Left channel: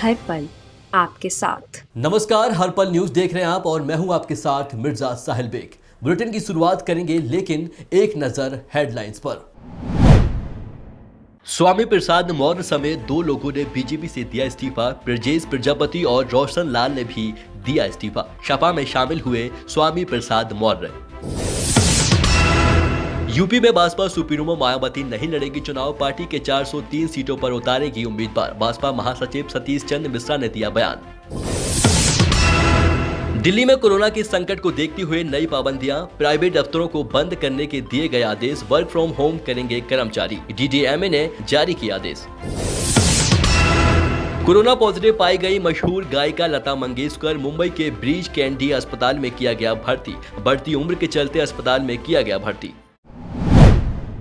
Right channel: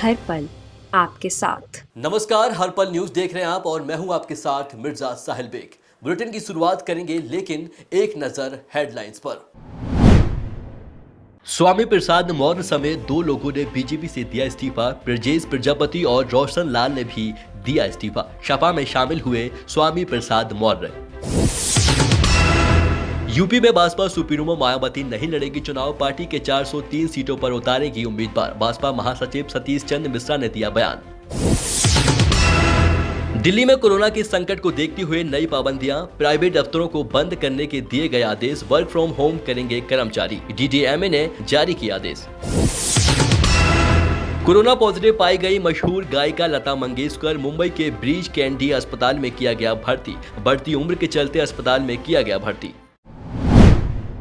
हर पल आपके साथ। नमस्कार, हर पल न्यूज देख रहे हैं आप और मैं हूं आपके साथ मिर्जा साहिल बेग। बुलेटिन की शुरुआत करेंगे लेकिन एक नजर हेडलाइंस पर। स्वामी प्रसाद मौर्य समेत 2 लोगों ने बीजेपी से दिया इस्तीफा। ब्रजेश प्रजापति और रोशन लाल ने भी दिया इस्तीफा। सपा में शामिल हुए स्वामी प्रसाद मौर्य। यूपी में बसपा सुप्रीमो मायावती नहीं लड़ेगी चुनाव। पार्टी के 403 सीटों पर उतारेगी उम्मीदवार। बसपा महासचिव सतीश चंद्र मिश्रा ने दिया बयान। दिल्ली में कोरोना के संकट को देखते हुए नई पाबंदियां। प्राइवेट दफ्तरों को बंद करने के दिए गए आदेश। वर्क फ्रॉम होम करेंगे कर्मचारी। डीडीएमए ने जारी किया आदेश। कोरोना पॉजिटिव पाई गई मशहूर गायिका लता मंगेशकर मुंबई के ब्रीच कैंडी अस्पताल में किया गया भर्ती। बढ़ती उम्र के चलते अस्पताल में किया गया भर्ती।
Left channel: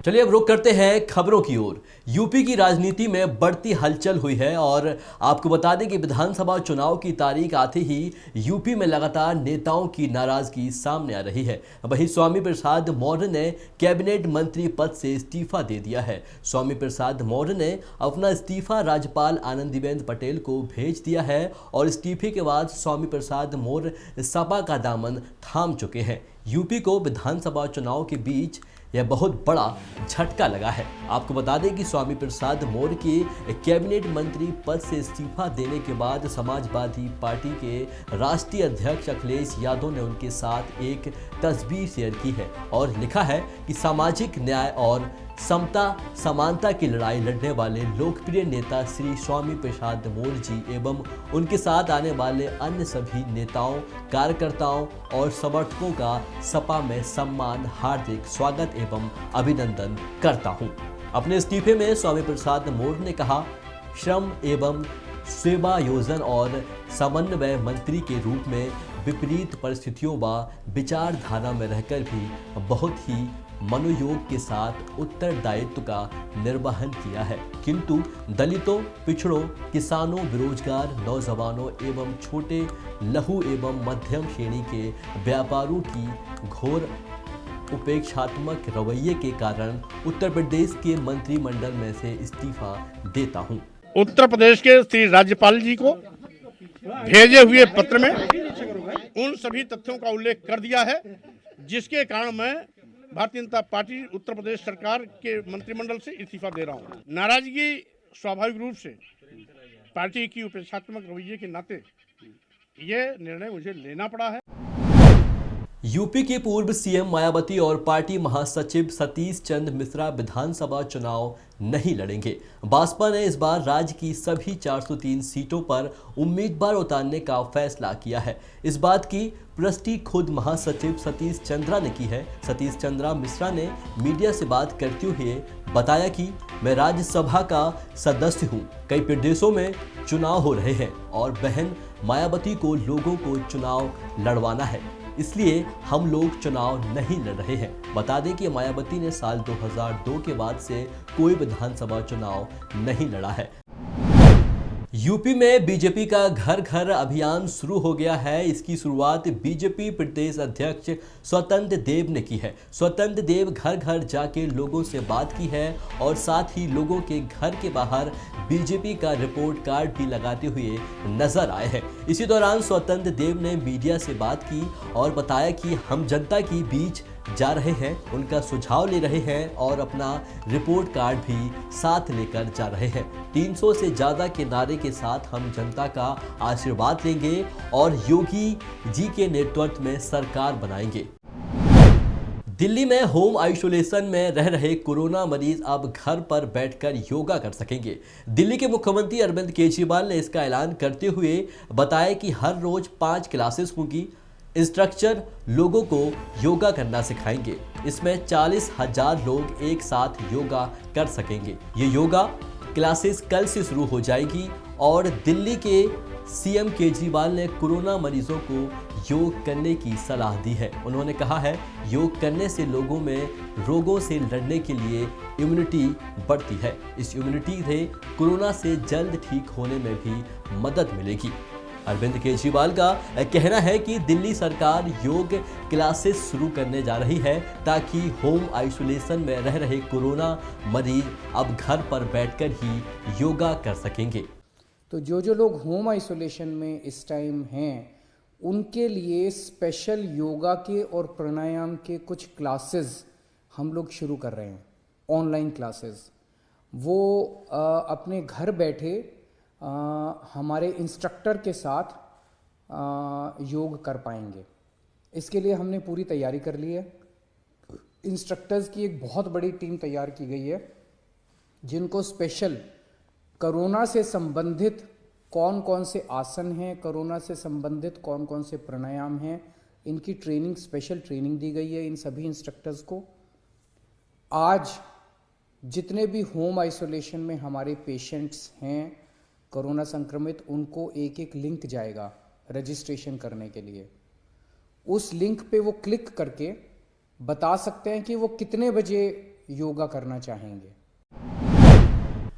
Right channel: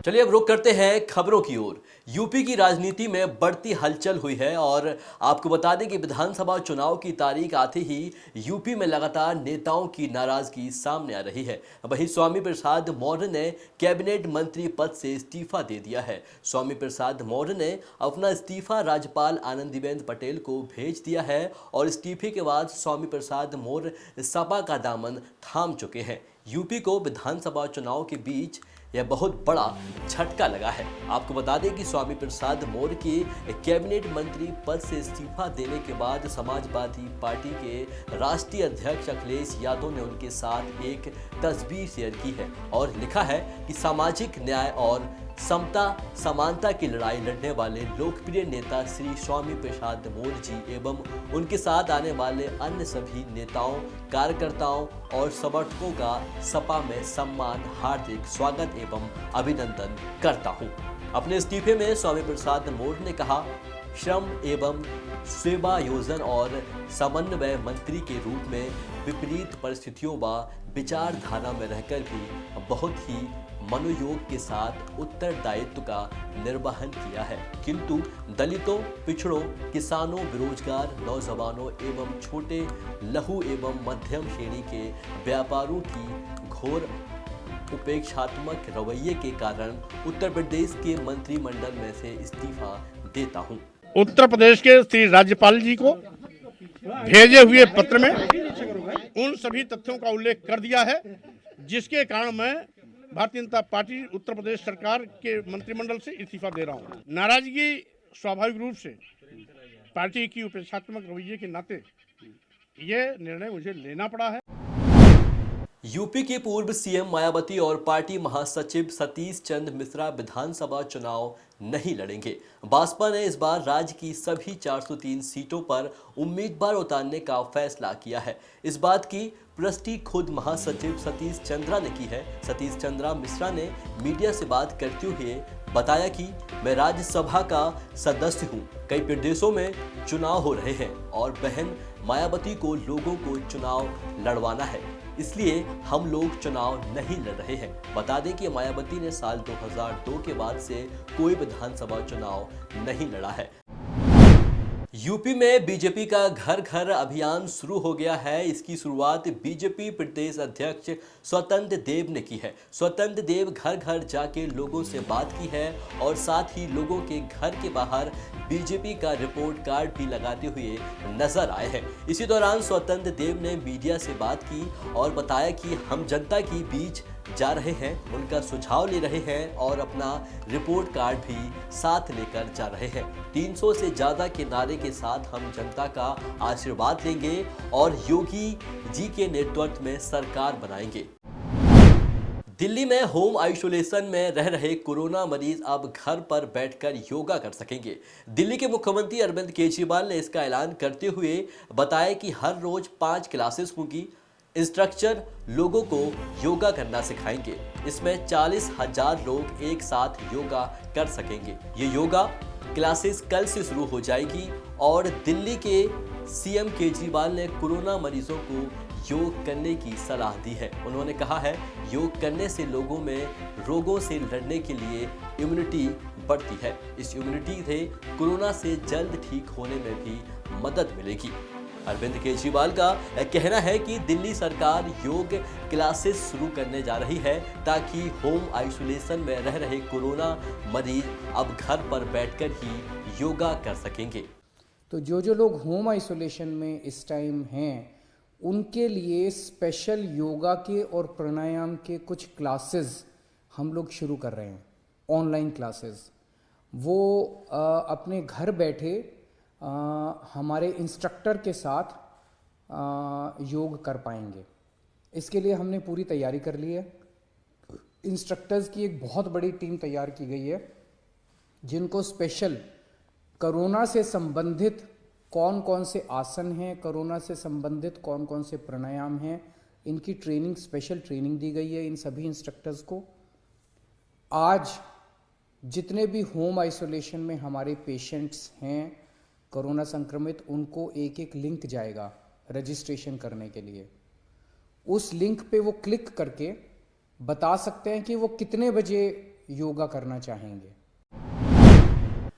चलिए अब रुख करते हैं खबरों की ओर। यूपी की राजनीति में बढ़ती हलचल हुई है और आपको बता दें कि विधानसभा चुनाव की तारीख आते ही यूपी में लगातार नेताओं की नाराजगी सामने आ रही है। वहीं स्वामी प्रसाद मौर्य ने कैबिनेट मंत्री पद से इस्तीफा दे दिया है। स्वामी प्रसाद मौर्य ने अपना इस्तीफा राज्यपाल आनंदीबेन पटेल को भेज दिया है और इस्तीफे के बाद स्वामी प्रसाद मौर्य सपा का दामन थाम चुके हैं। यूपी को विधानसभा चुनाव के बीच यह बहुत बड़ा झटका लगा है। आपको बता दें कि स्वामी प्रसाद मौर्य के कैबिनेट मंत्री पद से इस्तीफा देने के बाद समाजवादी पार्टी के राष्ट्रीय अध्यक्ष अखिलेश यादव ने उनके साथ एक तस्वीर शेयर की है और लिखा है कि सामाजिक न्याय और समता समानता की लड़ाई लड़ने वाले लोकप्रिय नेता श्री स्वामी प्रसाद मौर्य जी एवं उनके साथ आने वाले अन्य सभी नेताओं, कार्यकर्ताओं और समर्थकों का सपा में सम्मान, हार्दिक स्वागत एवं अभिनंदन करता हूं। अपने इस्तीफे में स्वामी प्रसाद मौर्य ने कहा, श्रम एवं सेवा योजन और समन्वय मंत्री के रूप में विपरीत परिस्थितियों व विचारधारा में रहकर भी बहुत ही मनोयोग के साथ उत्तरदायित्व का निर्वहन किया है, किंतु दलितों, पिछड़ों, किसानों, बेरोजगार, नौजवानों एवं छोटे लघु एवं मध्यम श्रेणी के व्यापारियों की घोर उपेक्षात्मक रवैये के कारण उत्तर प्रदेश के मंत्रिमंडल में से इस्तीफा देता हूं। उत्तर प्रदेश के श्री राज्यपाल जी को भेजे हुए पत्र में उन सभी तथ्यों का उल्लेख कर दिया है जिसके कारण मैं भारतीय जनता पार्टी उत्तर प्रदेश सरकार के मंत्रिमंडल से इस्तीफा दे रहा हूं। नाराजगी स्वाभाविक रूप से पार्टी की उपेक्षात्मक रवैये के नाते ये निर्णय मुझे लेना पड़ा है। यूपी के पूर्व सीएम मायावती और पार्टी महासचिव सतीश चंद्र मिश्रा विधानसभा चुनाव नहीं लड़ेंगे। बसपा ने इस बार राज्य की सभी 403 सीटों पर उम्मीदवार उतारने का फैसला किया है। इस बात की पुष्टि खुद महासचिव सतीश चंद्रा ने की है। सतीश चंद्रा मिश्रा ने मीडिया से बात करते हुए बताया कि मैं राज्यसभा का सदस्य हूं। कई प्रदेशों में चुनाव हो रहे हैं और बहन मायावती को लोगों को चुनाव लड़वाना है, इसलिए हम लोग चुनाव नहीं लड़ रहे हैं। बता दें कि मायावती ने साल 2002 के बाद से कोई विधानसभा चुनाव नहीं लड़ा है। यूपी में बीजेपी का घर घर अभियान शुरू हो गया है। इसकी शुरुआत बीजेपी प्रदेश अध्यक्ष स्वतंत्र देव ने की है। स्वतंत्र देव घर घर जाके लोगों से बात की है और साथ ही लोगों के घर के बाहर बीजेपी का रिपोर्ट कार्ड भी लगाते हुए नजर आए हैं। इसी दौरान स्वतंत्र देव ने मीडिया से बात की और बताया कि हम जनता के बीच जा रहे हैं, उनका सुझाव ले रहे हैं और अपना रिपोर्ट कार्ड भी साथ लेकर जा रहे हैं। 300 से ज़्यादा के नारे के साथ हम जनता का आशीर्वाद लेंगे और योगी जी के नेतृत्व में सरकार बनाएंगे। दिल्ली में होम आइसोलेशन में रह रहे कोरोना मरीज अब घर पर बैठकर योगा कर सकेंगे। दिल्ली के मुख्यमंत्री अरविंद केजरीवाल ने इसका ऐलान करते हुए बताया कि हर रोज 5 क्लासेस होंगी। इंस्ट्रक्टर लोगों को योगा करना सिखाएंगे। इसमें 40,000 लोग एक साथ योगा कर सकेंगे। ये योगा क्लासेस कल से शुरू हो जाएगी और दिल्ली के सीएम केजरीवाल ने कोरोना मरीजों को योग करने की सलाह दी है। उन्होंने कहा है, योग करने से लोगों में रोगों से लड़ने के लिए इम्यूनिटी बढ़ती है। इस इम्यूनिटी से कोरोना से जल्द ठीक होने में भी मदद मिलेगी। अरविंद केजरीवाल का कहना है कि दिल्ली सरकार योग क्लासेस शुरू करने जा रही है ताकि होम आइसोलेशन में रह रहे कोरोना मरीज अब घर पर बैठकर ही योगा कर सकेंगे। तो जो लोग होम आइसोलेशन में इस टाइम हैं उनके लिए स्पेशल योगा के और प्राणायाम के कुछ क्लासेस हम लोग शुरू कर रहे हैं, ऑनलाइन क्लासेस। वो अपने घर बैठे हमारे इंस्ट्रक्टर के साथ योग कर पाएंगे। इसके लिए हमने पूरी तैयारी कर ली है। इंस्ट्रक्टर्स की एक बहुत बड़ी टीम तैयार की गई है जिनको स्पेशल कोरोना से संबंधित कौन कौन से आसन हैं, कोरोना से संबंधित कौन कौन से प्राणायाम हैं, इनकी ट्रेनिंग, स्पेशल ट्रेनिंग दी गई है इन सभी इंस्ट्रक्टर्स को। आज जितने भी होम आइसोलेशन में हमारे पेशेंट्स हैं कोरोना संक्रमित, उनको एक लिंक जाएगा रजिस्ट्रेशन करने के लिए। उस लिंक पे वो क्लिक करके बता सकते हैं कि वो कितने बजे योगा करना चाहेंगे।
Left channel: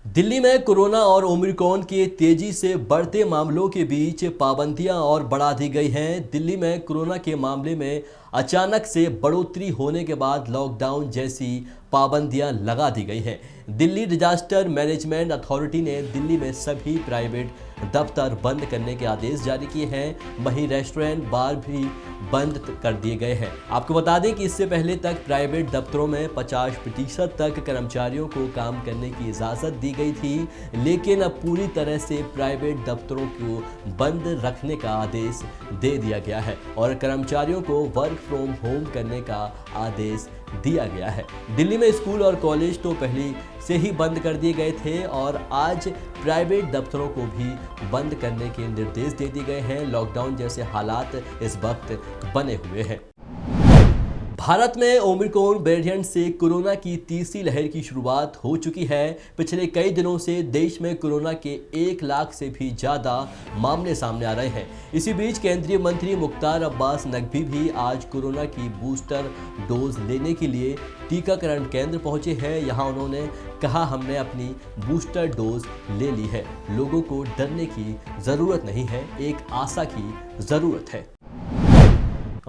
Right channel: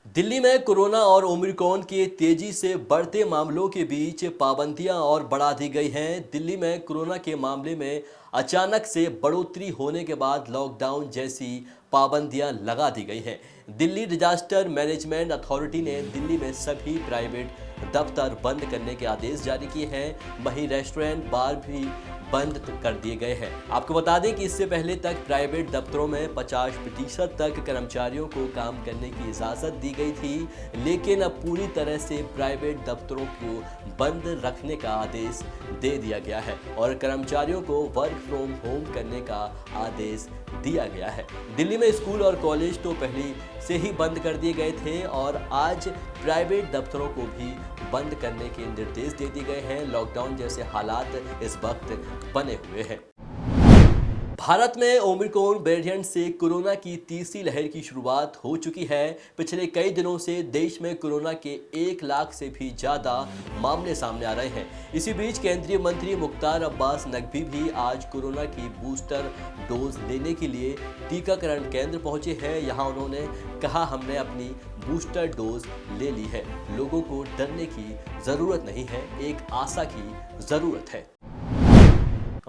दिल्ली में कोरोना और ओमिक्रॉन के तेजी से बढ़ते मामलों के बीच पाबंदियां और बढ़ा दी गई हैं। दिल्ली में कोरोना के मामले में अचानक से बढ़ोतरी होने के बाद लॉकडाउन जैसी पाबंदियां लगा दी गई हैं। दिल्ली डिजास्टर मैनेजमेंट अथॉरिटी ने दिल्ली में सभी प्राइवेट दफ्तर बंद करने के आदेश जारी किए हैं। वहीं रेस्टोरेंट, बार भी बंद कर दिए गए हैं। आपको बता दें कि इससे पहले तक प्राइवेट दफ्तरों में 50% तक कर्मचारियों को काम करने की इजाज़त दी गई थी, लेकिन अब पूरी तरह से प्राइवेट दफ्तरों को बंद रखने का आदेश दे दिया गया है और कर्मचारियों को वर्क फ्रॉम होम करने का आदेश दिया गया है। दिल्ली में स्कूल और कॉलेज तो पहले से ही बंद कर दिए गए थे और आज प्राइवेट दफ्तरों को भी बंद करने के निर्देश दे दिए गए हैं। लॉकडाउन जैसे हालात इस वक्त बने हुए हैं। भारत में ओमिक्रॉन वेरिएंट से कोरोना की तीसरी लहर की शुरुआत हो चुकी है। पिछले कई दिनों से देश में कोरोना के 1 लाख से भी ज़्यादा मामले सामने आ रहे हैं। इसी बीच केंद्रीय मंत्री मुख्तार अब्बास नकवी भी आज कोरोना की बूस्टर डोज लेने के लिए टीकाकरण केंद्र पहुंचे हैं। यहां उन्होंने कहा, हमने अपनी बूस्टर डोज ले ली है, लोगों को डरने की ज़रूरत नहीं है, एक आशा की ज़रूरत है।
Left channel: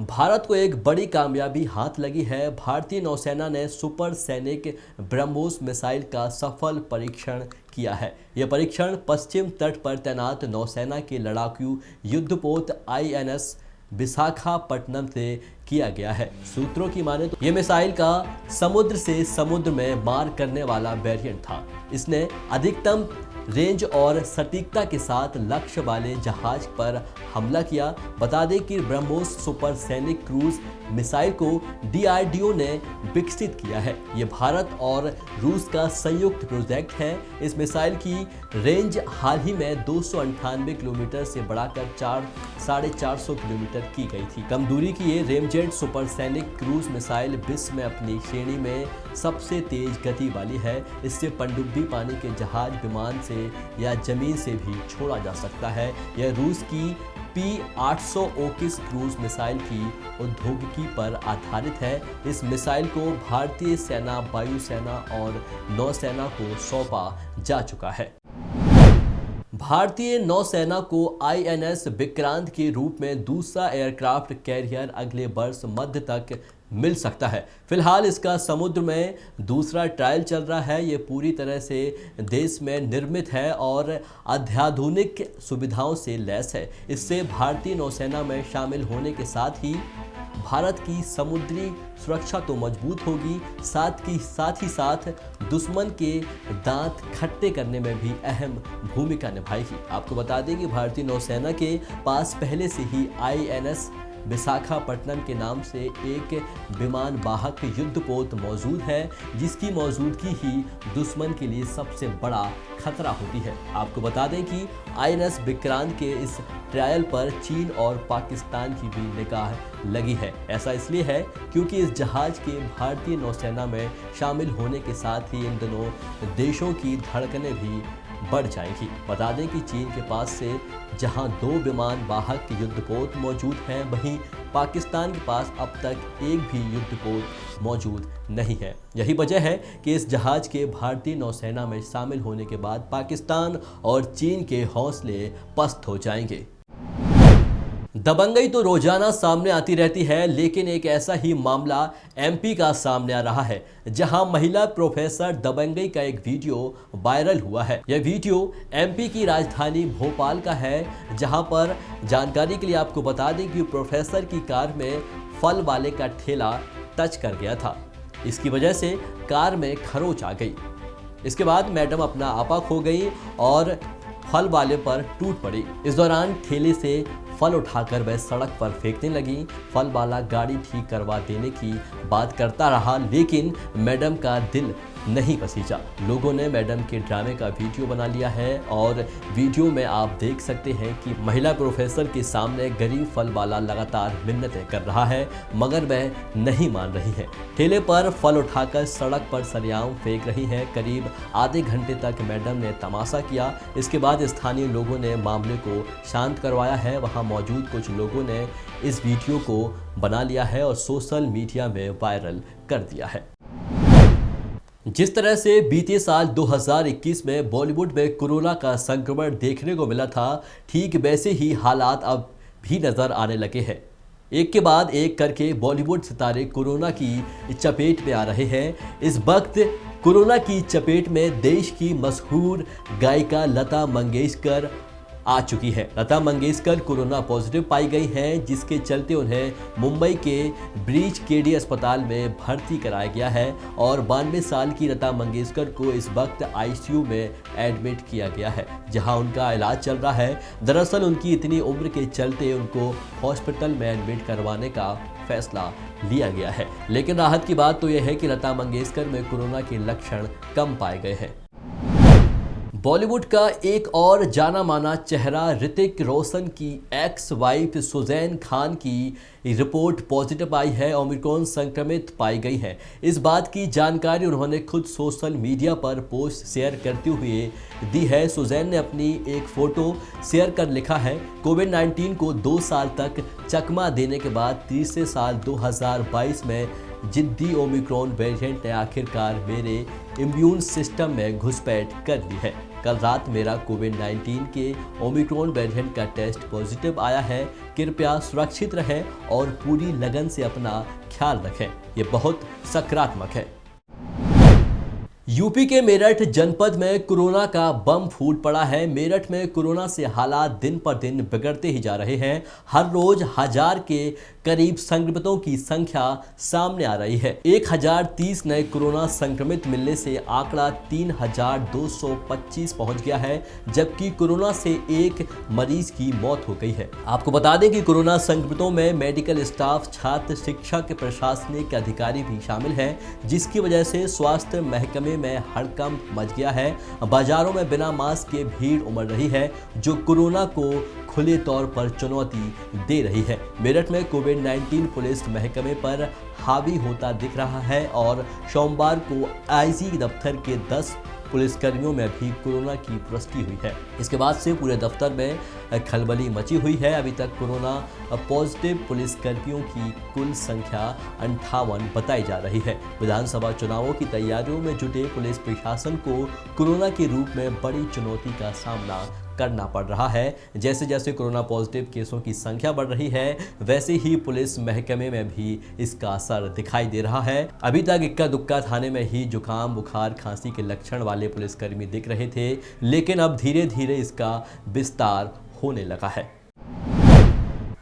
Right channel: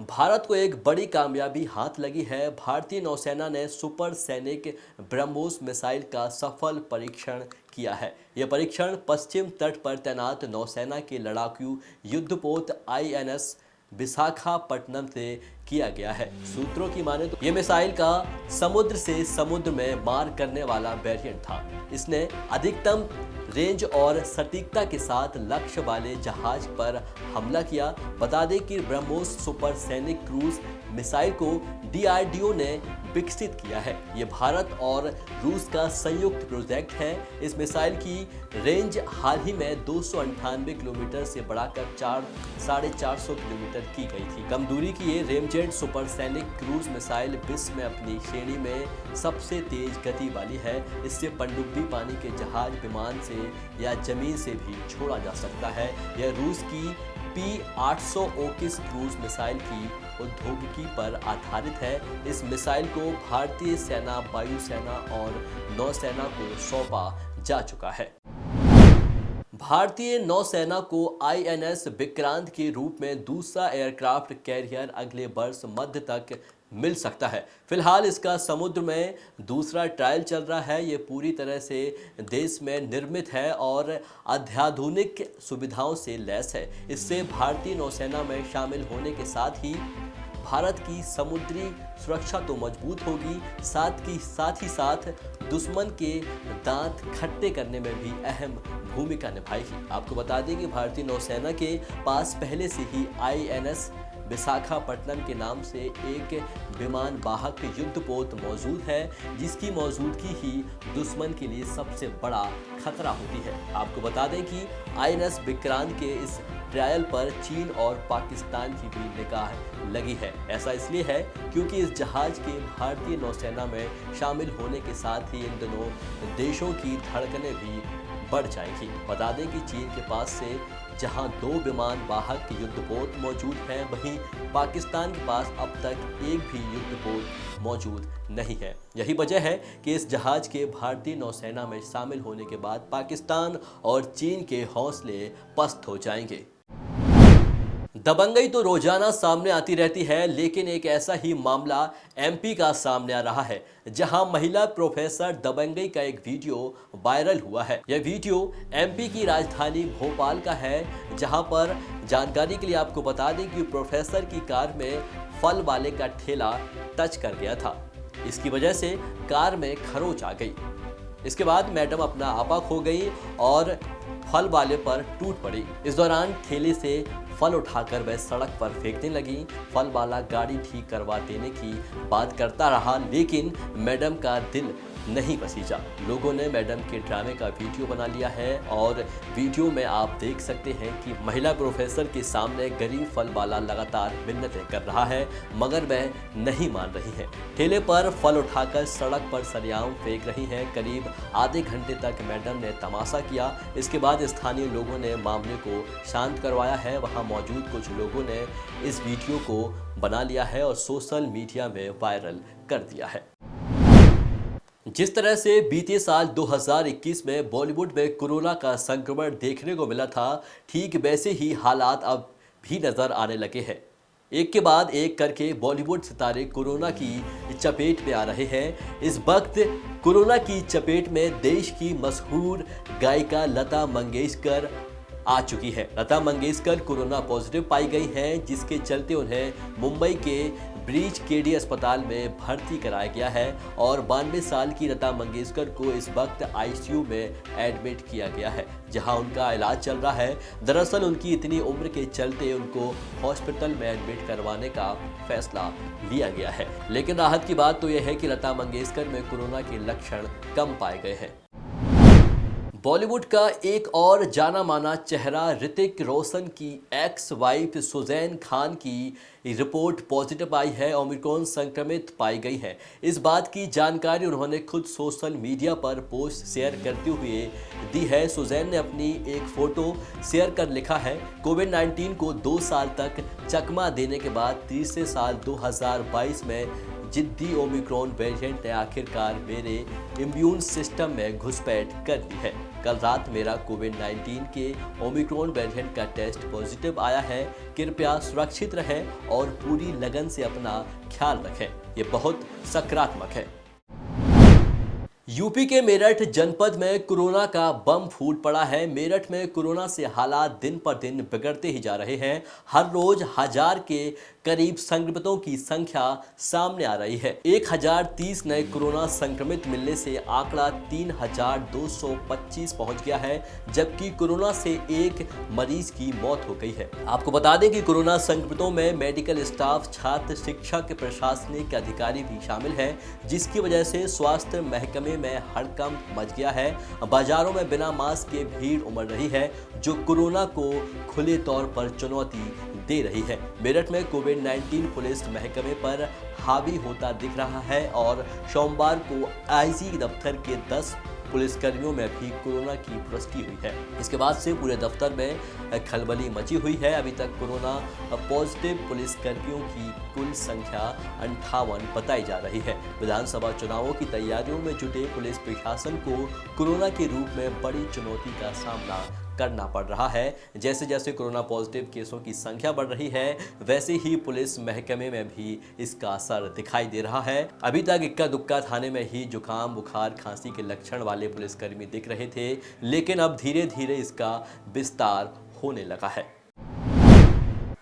भारत को एक बड़ी कामयाबी हाथ लगी है। भारतीय नौसेना ने सुपरसैनिक ब्रह्मोस मिसाइल का सफल परीक्षण किया है। यह परीक्षण पश्चिम तट पर तैनात नौसेना के लड़ाकू युद्धपोत INS विशाखापट्टनम से किया गया है। सूत्रों की माने तो यह मिसाइल का समुद्र से समुद्र में मार करने वाला वेरिएंट था। इसने अधिकतम रेंज और सटीकता के साथ लक्ष्य वाले जहाज पर हमला किया। बता दें कि ब्रह्मोस सुपरसैनिक क्रूज मिसाइल को DRDO ने विकसित किया है। ये भारत और रूस का संयुक्त प्रोजेक्ट है। इस मिसाइल की रेंज हाल ही में 298 किलोमीटर से बढ़ाकर 450 किलोमीटर की गई थी। कम दूरी की ये रेमजेट सुपरसैनिक क्रूज मिसाइल विश्व में अपनी श्रेणी में सबसे तेज गति वाली है। इससे पनडुब्बी पानी के जहाज, विमान से या जमीन से भी छोड़ा जा सकता है। यह रूस की P-800 ओकिस क्रूज मिसाइल की प्रौद्योगिकी पर आधारित है। इस मिसाइल को भारतीय सेना, वायुसेना और नौसेना को सौंपा जा चुका है। भारतीय नौसेना को INS विक्रांत के रूप में दूसरा एयरक्राफ्ट कैरियर अगले वर्ष मध्य तक मिल सकता है। फिलहाल इसका समुद्र में दूसरा ट्रायल चल रहा है। ये पूरी तरह से देश में निर्मित है और अत्याधुनिक सुविधाओं से लैस है। इससे भारतीय नौसेना में शामिल होने के साथ ही भारत की समुद्री सुरक्षा तो मजबूत होगी, साथ ही साथ दुश्मन के दांत खट्टे करने में भी अहम भूमिका निभाएगी। आपको बता दें कि भारतीय नौसेना के पास पहले से ही INS विशाखापट्टनम के नाम से एक विमान वाहक युद्धपोत मौजूद है, जिसकी मौजूदगी ही दुश्मन के लिए सबसे बड़ा खतरा होती है। आपको बता दें कि INS विक्रांत के इस ट्रायल पर चीन और पाकिस्तान की भी निगाह लगी है। ऐसा इसलिए है क्योंकि इस जहाज के भारतीय नौसेना में शामिल होने के साथ ही इन दोनों देशों की धड़कनें भी बढ़ जाएंगी। बता दें कि चीन के पास से जहां 2 विमान वाहक युद्धपोत मौजूद हैं, वहीं पाकिस्तान के पास अब तक एक भी युद्धपोत मौजूद नहीं है। यही वजह है कि इस जहाज के भारतीय नौसेना में शामिल होने के बाद पाकिस्तान और चीन के हौसले पस्त हो जाएंगे। दबंगई तो रोजाना सामने आती रहती है, लेकिन एक ऐसा ही मामला एमपी का सामने आ रहा है, जहां महिला प्रोफेसर दबंगई का एक वीडियो वायरल हुआ है। यह वीडियो एमपी की राजधानी भोपाल का है, जहां पर जानकारी के लिए आपको बता दें कि प्रोफेसर की कार में फल वाले का ठेला टच कर गया था। इसकी वजह से कार में खरोच आ गई। इसके बाद मैडम अपना आपा खो गई और फल वाले पर टूट पड़ी। इस दौरान ठेले से फल उठाकर वह सड़क पर फेंकने लगी। फल वाला गाड़ी ठीक करवा देने की बात करता रहा, लेकिन मैडम का दिल नहीं पसीजा। लोगों ने मैडम के ड्रामे का वीडियो बना लिया है और वीडियो में आप देख सकते हैं कि महिला प्रोफेसर के सामने गरीब फल वाला लगातार मिन्नतें कर रहा है, मगर वह नहीं मान रही है। ठेले पर फल उठाकर सड़क पर सरेआम फेंक रही हैं। करीब आधे घंटे तक मैडम ने तमाशा किया। इसके बाद स्थानीय लोगों ने मामले को शांत करवाया है। वहां मौजूद कुछ लोगों ने इस वीडियो को बना लिया है और सोशल मीडिया में वायरल कर दिया है। जिस तरह से बीते साल 2021 में बॉलीवुड में कोरोना का संक्रमण देखने को मिला था, ठीक वैसे ही हालात अब भी नजर आने लगे हैं। एक के बाद एक करके बॉलीवुड सितारे कोरोना की चपेट में आ रहे हैं। इस वक्त कोरोना की चपेट में देश की मशहूर गायिका लता मंगेशकर आ चुकी है। लता मंगेशकर कोरोना पॉजिटिव पाई गई हैं, जिसके चलते उन्हें मुंबई के ब्रीच केडी अस्पताल में भर्ती कराया गया है और 92 साल की लता मंगेशकर को इस वक्त आईसीयू में एडमिट किया गया है, जहां उनका इलाज चल रहा है। दरअसल उनकी इतनी उम्र के चलते उनको हॉस्पिटल में एडमिट करवाने का फैसला लिया गया है। लेकिन राहत की बात तो यह है कि लता मंगेशकर में कोरोना के लक्षण कम पाए गए हैं। बॉलीवुड का एक और जाना माना चेहरा ऋतिक रोशन की एक्स वाइफ सुजैन खान की रिपोर्ट पॉजिटिव आई है, ओमिक्रॉन संक्रमित पाई गई है। इस बात की जानकारी उन्होंने खुद सोशल मीडिया पर पोस्ट शेयर करते हुए दी है। सुजैन ने अपनी एक फोटो शेयर कर लिखा है, कोविड-19 को 2 साल तक चकमा देने के बाद तीसरे साल 2022 में जिद्दी ओमिक्रॉन वेरिएंट ने आखिरकार मेरे इम्यून सिस्टम में घुसपैठ कर ली है। कल रात मेरा कोविड-19 के ओमिक्रॉन वेरिएंट का टेस्ट पॉजिटिव आया है। कृपया सुरक्षित रहें और पूरी लगन से अपना ख्याल रखें। ये बहुत सकारात्मक है। यूपी के मेरठ जनपद में कोरोना का बम फूट पड़ा है। मेरठ में कोरोना से हालात दिन पर दिन बिगड़ते ही जा रहे हैं। हर रोज 1000 के करीब संक्रमितों की संख्या सामने आ रही है। 1030 नए कोरोना संक्रमित मिलने से आंकड़ा 3225 पहुंच गया है, जबकि कोरोना से एक मरीज की मौत हो गई है। आपको बता दें कि कोरोना संक्रमितों में मेडिकल स्टाफ, छात्र, शिक्षक, प्रशासनिक अधिकारी भी शामिल हैं, जिसकी वजह से स्वास्थ्य महकमे में हड़कंप मच गया है। बाजारों में बिना मास्क के भीड़ उमड़ रही है, जो कोरोना को खुले तौर पर चुनौती दे रही है। मेरठ में कोविड-19 पुलिस महकमे पर हावी होता दिख रहा है और सोमवार को आईजी दफ्तर के 10 पुलिसकर्मियों में भी कोरोना की पुष्टि हुई है। इसके बाद से पूरे दफ्तर में खलबली मची हुई है। अभी तक कोरोना पॉजिटिव पुलिसकर्मियों की कुल संख्या 58 बताई जा रही है। विधानसभा चुनावों की तैयारियों में जुटे पुलिस प्रशासन को कोरोना के रूप में बड़ी चुनौती का सामना करना पड़ रहा है। जैसे जैसे कोरोना पॉजिटिव केसों की संख्या बढ़ रही है, वैसे ही पुलिस महकमे में भी इसका असर दिखाई दे रहा है। अभी तक इक्का दुक्का थाने में ही जुकाम, बुखार, खांसी के लक्षण वाले पुलिसकर्मी दिख रहे थे, लेकिन अब धीरे धीरे इसका विस्तार होने लगा है।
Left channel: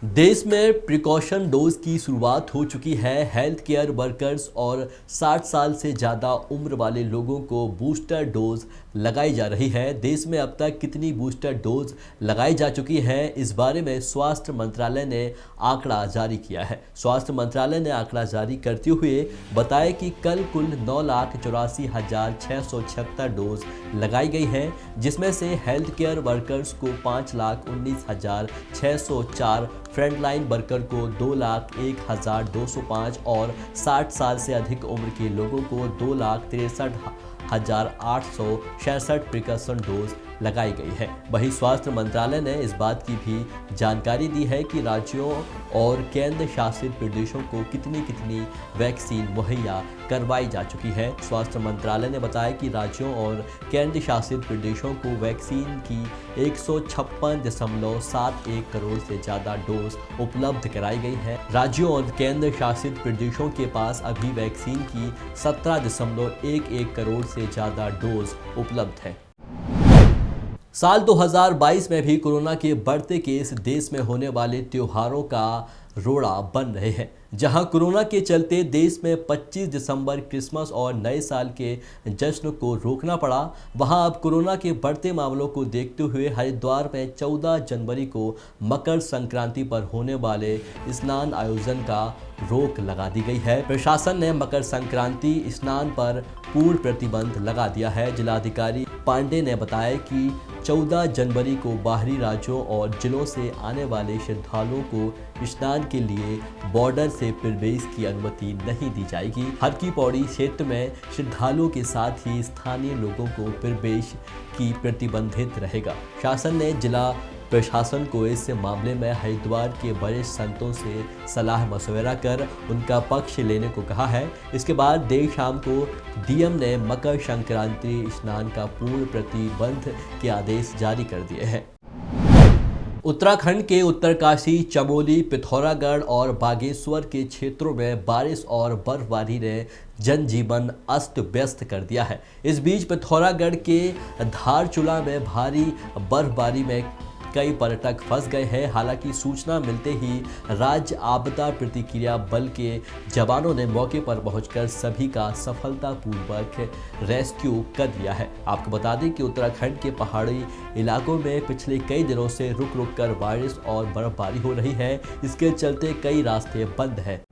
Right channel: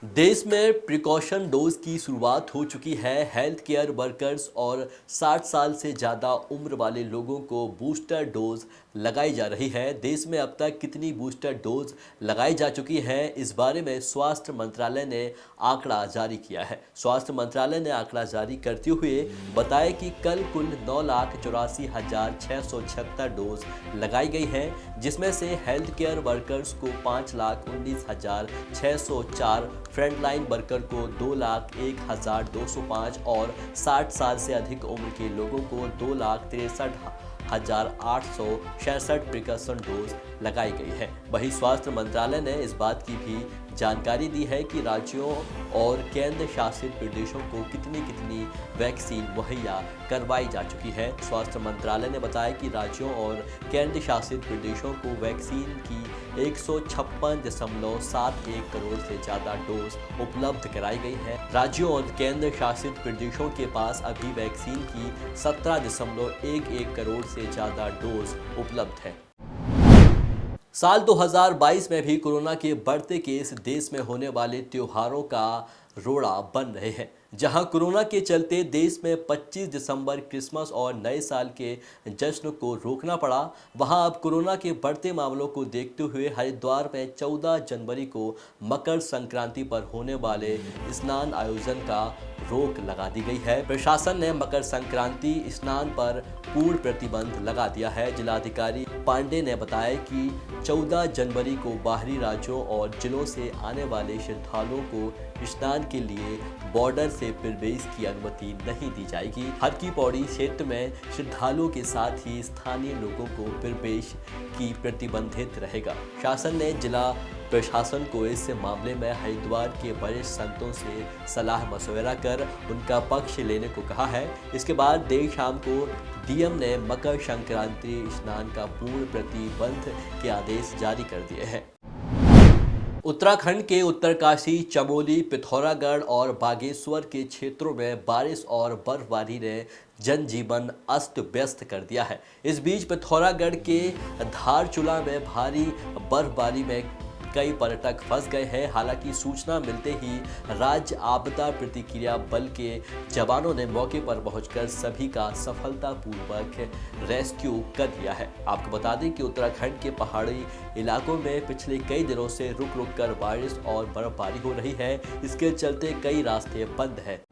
देश में प्रिकॉशन डोज की शुरुआत हो चुकी है। हेल्थ केयर वर्कर्स और 60 साल से ज़्यादा उम्र वाले लोगों को बूस्टर डोज लगाई जा रही है। देश में अब तक कितनी बूस्टर डोज लगाई जा चुकी है, इस बारे में स्वास्थ्य मंत्रालय ने आंकड़ा जारी किया है। स्वास्थ्य मंत्रालय ने आंकड़ा जारी करते हुए बताया कि कल कुल 9,84,676 डोज लगाई गई हैं, जिसमें से हेल्थ केयर वर्कर्स को 5,19,604, फ्रंटलाइन वर्कर को 2,01,205 और 60 साल से अधिक उम्र के लोगों को 2,63,866 प्रिकॉशन डोज लगाई गई है। वहीं स्वास्थ्य मंत्रालय ने इस बात की भी जानकारी दी है कि राज्यों और केंद्र शासित प्रदेशों को कितनी वैक्सीन मुहैया करवाई जा चुकी है। स्वास्थ्य मंत्रालय ने बताया कि राज्यों और केंद्र शासित प्रदेशों को वैक्सीन की 156.71 करोड़ से ज़्यादा डोज उपलब्ध कराई गई है। राज्यों और केंद्र शासित प्रदेशों के पास अभी वैक्सीन की 17.11 करोड़ से ज़्यादा डोज उपलब्ध है। साल 2022 में भी कोरोना के बढ़ते केस देश में होने वाले त्योहारों का रोड़ा बन रहे हैं। जहां कोरोना के चलते देश में 25 दिसंबर क्रिसमस और नए साल के जश्न को रोकना पड़ा, वहां अब कोरोना के बढ़ते मामलों को देखते हुए हरिद्वार में 14 जनवरी को मकर संक्रांति पर होने वाले स्नान आयोजन का रोक लगा दी गई है। प्रशासन ने मकर संक्रांति स्नान पर पूर्ण प्रतिबंध लगा दिया है। जिलाधिकारी पांडे ने बताया कि 14 जनवरी को बाहरी राज्यों और जिलों से आने वाले श्रद्धालुओं को स्नान के लिए बॉर्डर से प्रवेश की अनुमति नहीं दी जाएगी। हर की पौड़ी क्षेत्र में श्रद्धालुओं के साथ ही स्थानीय लोगों को प्रवेश की प्रतिबंधित रहेगा। शासन ने जिला प्रशासन को इस मामले में हरिद्वार के वरिष्ठ संतों से सलाह मशवरा कर उनका पक्ष लेने को कहा है। इसके बाद देर शाम को डीएम ने मकर संक्रांति स्नान का पूर्ण प्रतिबंध के आदेश जारी कर दिए हैं। उत्तराखंड के उत्तरकाशी, चमोली, पिथौरागढ़ और बागेश्वर के क्षेत्रों में बारिश और बर्फबारी ने जनजीवन अस्त व्यस्त कर दिया है। इस बीच पिथौरागढ़ के धारचूला में भारी बर्फबारी में कई पर्यटक फंस गए हैं। हालांकि सूचना मिलते ही राज्य आपदा प्रतिक्रिया बल के जवानों ने मौके पर पहुंचकर सभी का सफलतापूर्वक रेस्क्यू कर दिया है। आपको बता दें कि उत्तराखंड के पहाड़ी इलाकों में पिछले कई दिनों से रुक रुक कर बारिश और बर्फबारी हो रही है। इसके चलते कई रास्ते बंद हैं।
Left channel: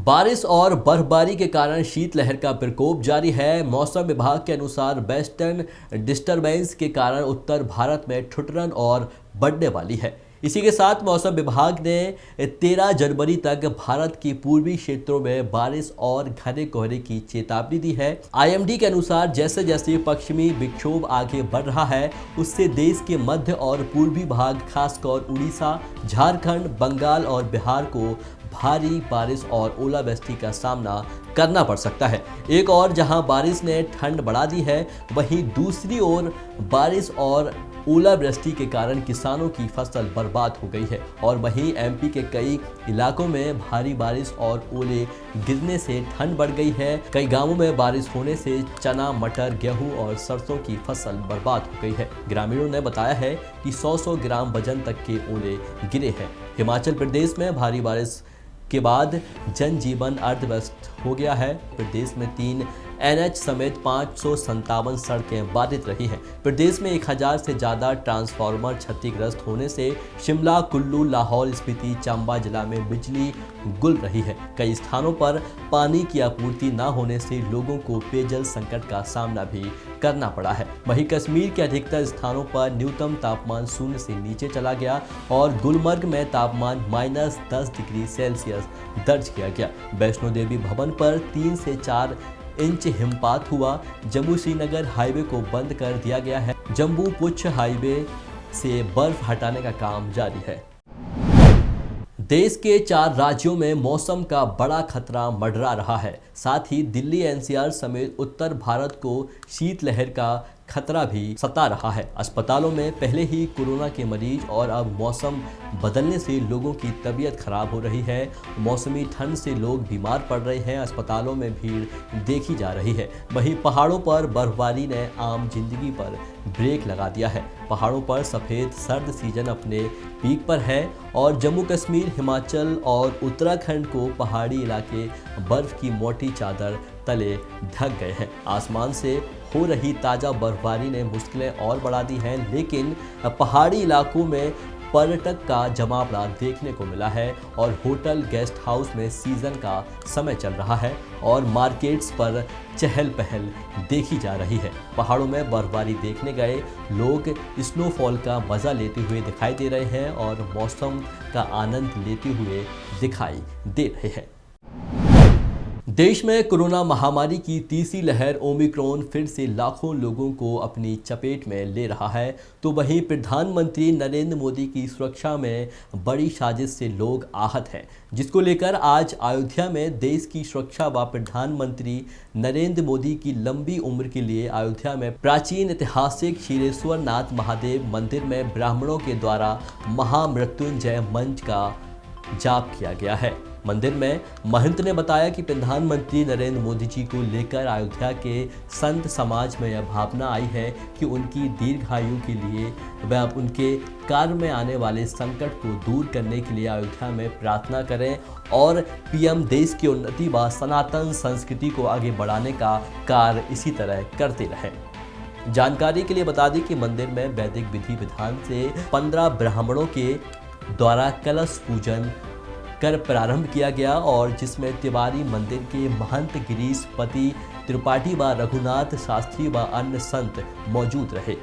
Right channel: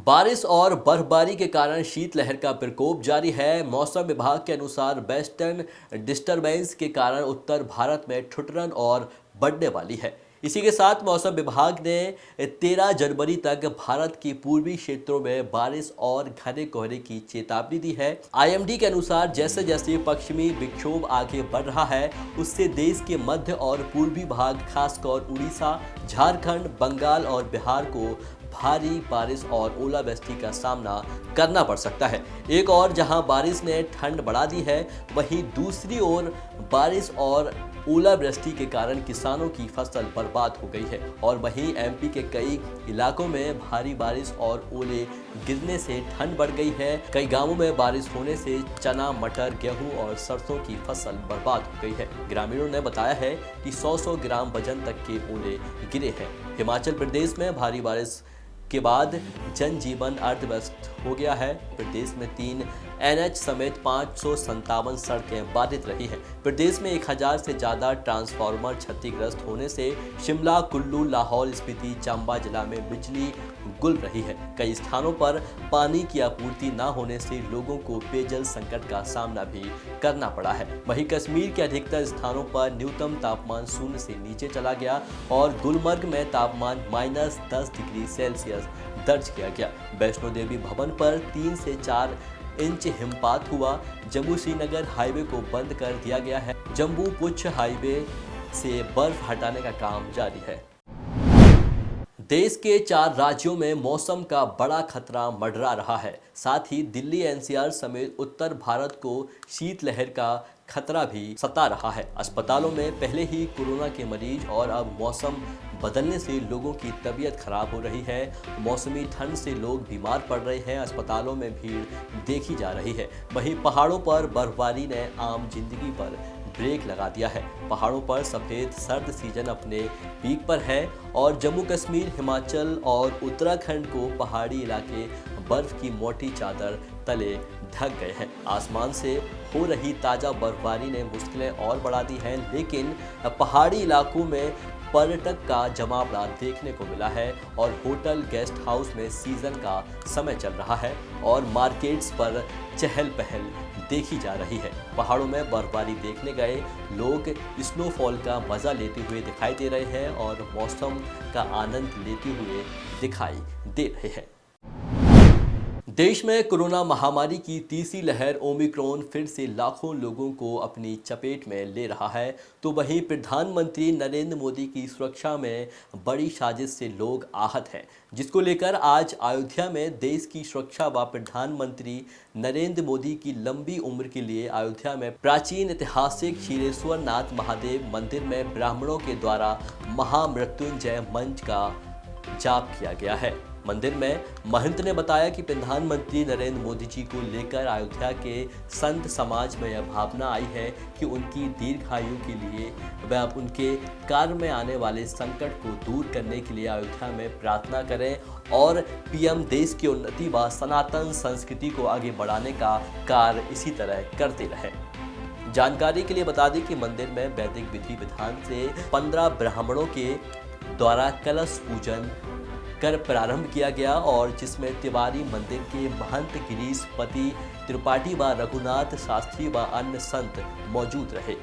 बारिश और बर्फबारी के कारण शीतलहर का प्रकोप जारी है। मौसम विभाग के अनुसार वेस्टर्न डिस्टर्बेंस के कारण उत्तर भारत में ठुठुरन और बढ़ने वाली है। इसी के साथ मौसम विभाग ने 13 जनवरी तक भारत के पूर्वी क्षेत्रों में बारिश और घने कोहरे की चेतावनी दी है। आईएमडी के अनुसार जैसे जैसे पश्चिमी विक्षोभ आगे बढ़ रहा है, उससे देश के मध्य और पूर्वी भाग, खासकर उड़ीसा, झारखंड, बंगाल और बिहार को भारी बारिश और ओलावृष्टि का सामना करना पड़ सकता है। एक और जहां बारिश ने ठंड बढ़ा दी है, वहीं दूसरी ओर बारिश और ओलावृष्टि के कारण किसानों की फसल बर्बाद हो गई है। और वहीं एमपी के कई इलाकों में भारी बारिश और ओले गिरने से ठंड बढ़ गई है। कई गांवों में बारिश होने से चना, मटर, गेहूं और सरसों की फसल बर्बाद हो गई है। ग्रामीणों ने बताया है कि 100-100 ग्राम वजन तक के ओले गिरे हैं। हिमाचल प्रदेश में भारी बारिश के बाद जनजीवन अर्थव्यस्त हो गया है। प्रदेश में 3 एनएच समेत 557 सड़कें बाधित रही हैं। प्रदेश में 1000 से ज़्यादा ट्रांसफार्मर क्षतिग्रस्त होने से शिमला, कुल्लू, लाहौल स्पीति, चंबा जिला में बिजली गुल रही है। कई स्थानों पर पानी की आपूर्ति न होने से लोगों को पेयजल संकट का सामना भी करना पड़ा है। वहीं कश्मीर के अधिकतर स्थानों पर न्यूनतम तापमान 0 से नीचे चला गया और गुलमर्ग में तापमान -10 डिग्री सेल्सियस दर्ज किया गया। वैष्णो देवी भवन पर 3 से 4 इंच हिमपात हुआ। जम्मू श्रीनगर हाईवे को बंद कर दिया गया है। जम्मू पुंछ हाईवे से बर्फ हटाने का काम जारी है। देश के 4 राज्यों में मौसम का बड़ा खतरा मंडरा रहा है। साथ ही दिल्ली, एनसीआर समेत उत्तर भारत को शीतलहर का खतरा भी सता रहा है। अस्पतालों में पहले ही कोरोना के मरीज और अब मौसम बदलने से लोगों की तबीयत खराब हो रही है। मौसमी ठंड से लोग बीमार पड़ रहे हैं। अस्पतालों में भीड़ देखी जा रही है। वहीं पहाड़ों पर बर्फबारी ने आम जिंदगी पर ब्रेक लगा दिया है। पहाड़ों पर सफ़ेद सर्द सीजन अपने पीक पर है और जम्मू कश्मीर, हिमाचल और उत्तराखंड को पहाड़ी इलाके बर्फ की मोटी चादर तले ढक गए हैं। आसमान से हो रही ताज़ा बर्फबारी ने मुश्किलें और बढ़ा दी हैं, लेकिन पहाड़ी इलाकों में पर्यटक का जमावड़ा देखने को मिला है और होटल, गेस्ट हाउस में सीजन का समय चल रहा है और मार्केट्स पर चहल पहल देखी जा रही है। पहाड़ों में बर्फबारी देखने गए लोग स्नोफॉल का मज़ा लेते हुए दिखाई दे रहे हैं और मौसम का आनंद लेते हुए दिखाई दे रहे हैं। देश में कोरोना महामारी की तीसरी लहर ओमिक्रॉन फिर से लाखों लोगों को अपनी चपेट में ले रहा है, तो वहीं प्रधानमंत्री नरेंद्र मोदी की सुरक्षा में बड़ी साजिश से लोग आहत हैं, जिसको लेकर आज अयोध्या में देश की सुरक्षा व प्रधानमंत्री नरेंद्र मोदी की लंबी उम्र के लिए अयोध्या में प्राचीन ऐतिहासिक क्षीरेश्वर नाथ महादेव मंदिर में ब्राह्मणों के द्वारा महामृत्युंजय मंत्र का जाप किया गया है। मंदिर में महंत ने बताया कि प्रधानमंत्री नरेंद्र मोदी जी को लेकर अयोध्या के संत समाज में यह भावना आई है कि उनकी दीर्घायु के लिए व उनके कार्य में आने वाले संकट को दूर करने के लिए अयोध्या में प्रार्थना करें और पीएम देश की उन्नति व सनातन संस्कृति को आगे बढ़ाने का कार्य इसी तरह करते रहें। जानकारी के लिए बता दें कि मंदिर में वैदिक विधि विधान से 15 ब्राह्मणों के द्वारा कलश पूजन कर प्रारंभ किया गया और जिसमें तिवारी मंदिर के महंत गिरीश पति त्रिपाठी व रघुनाथ शास्त्री व अन्य संत मौजूद रहे।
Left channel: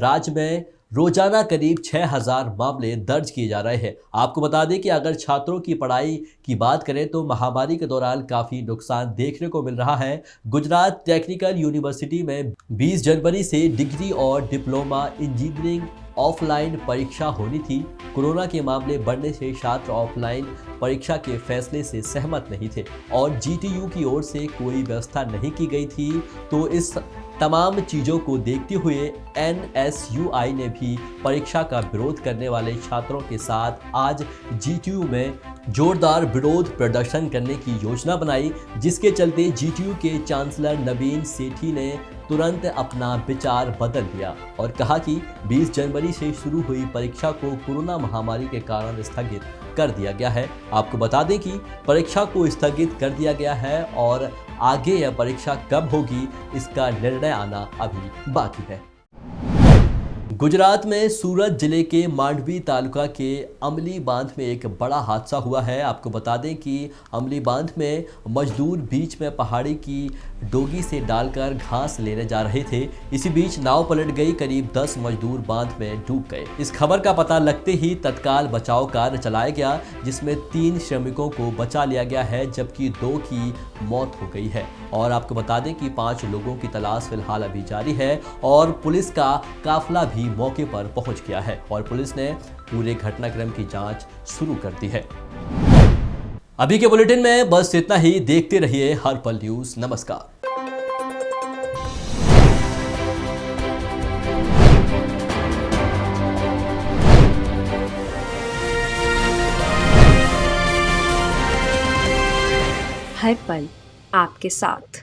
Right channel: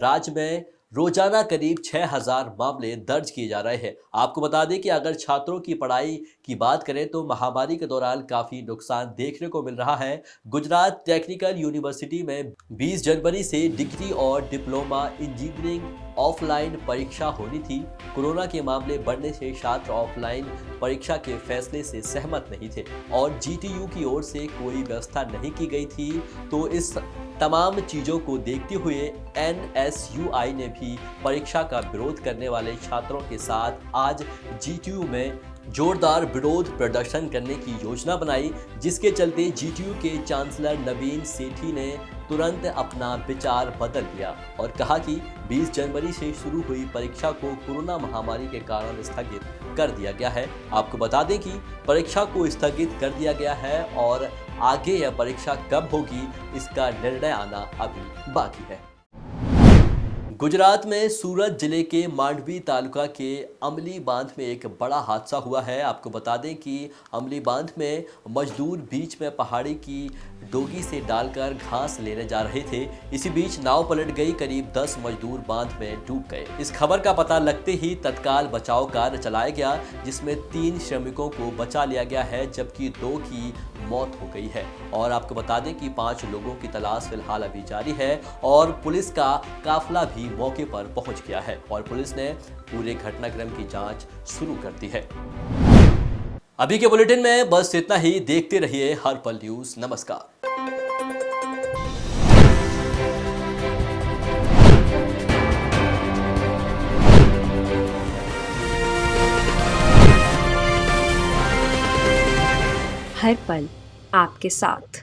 राज्य में रोजाना करीब 6000 मामले दर्ज किए जा रहे हैं। आपको बता दें कि अगर छात्रों की पढ़ाई की बात करें तो महामारी के दौरान काफ़ी नुकसान देखने को मिल रहा है। गुजरात टेक्निकल यूनिवर्सिटी में 20 जनवरी से डिग्री और डिप्लोमा इंजीनियरिंग ऑफलाइन परीक्षा होनी थी। कोरोना के मामले बढ़ने से छात्र ऑफलाइन परीक्षा के फैसले से सहमत नहीं थे और जीटीयू की ओर से कोई व्यवस्था नहीं की गई थी। तो इस तमाम चीज़ों को देखते हुए एनएसयूआई ने भी परीक्षा का विरोध करने वाले छात्रों के साथ आज जीटीयू में जोरदार विरोध प्रदर्शन करने की योजना बनाई, जिसके चलते जीटीयू के चांसलर नवीन सेठी ने तुरंत अपना विचार बदल दिया और कहा कि 20 जनवरी से शुरू हुई परीक्षा को कोरोना महामारी के कारण स्थगित कर दिया गया है। आपको बता दें कि परीक्षा को स्थगित कर दिया गया है और आगे यह परीक्षा कब होगी इसका निर्णय आना अभी बाकी है। गुजरात में सूरत जिले के मांडवी तालुका के अमली बांध में एक बड़ा हादसा हुआ है। आपको बता दें कि अमली बांध में मजदूर बीच में पहाड़ी की डोगी से डालकर घास लेने जा रहे थे। इसी बीच नाव पलट गई, करीब 10 मजदूर बांध में डूब गए। इस खबर का पता लगते ही तत्काल बचाव कार्य चलाया गया, जिसमें 3 श्रमिकों को बचा लिया गया है जबकि 2 की मौत हो गई है। और आपको बता दें कि 5 लोगों की तलाश फिलहाल अभी जारी है और पुलिस का काफिला भी मौके पर पहुंच गया है और पुलिस ने पूरे घटनाक्रम की जांच शुरू कर दी है। अभी के बुलेटिन में बस इतना ही। देखते रहिए हर पल न्यूज़। नमस्कार। हर पल आपके साथ।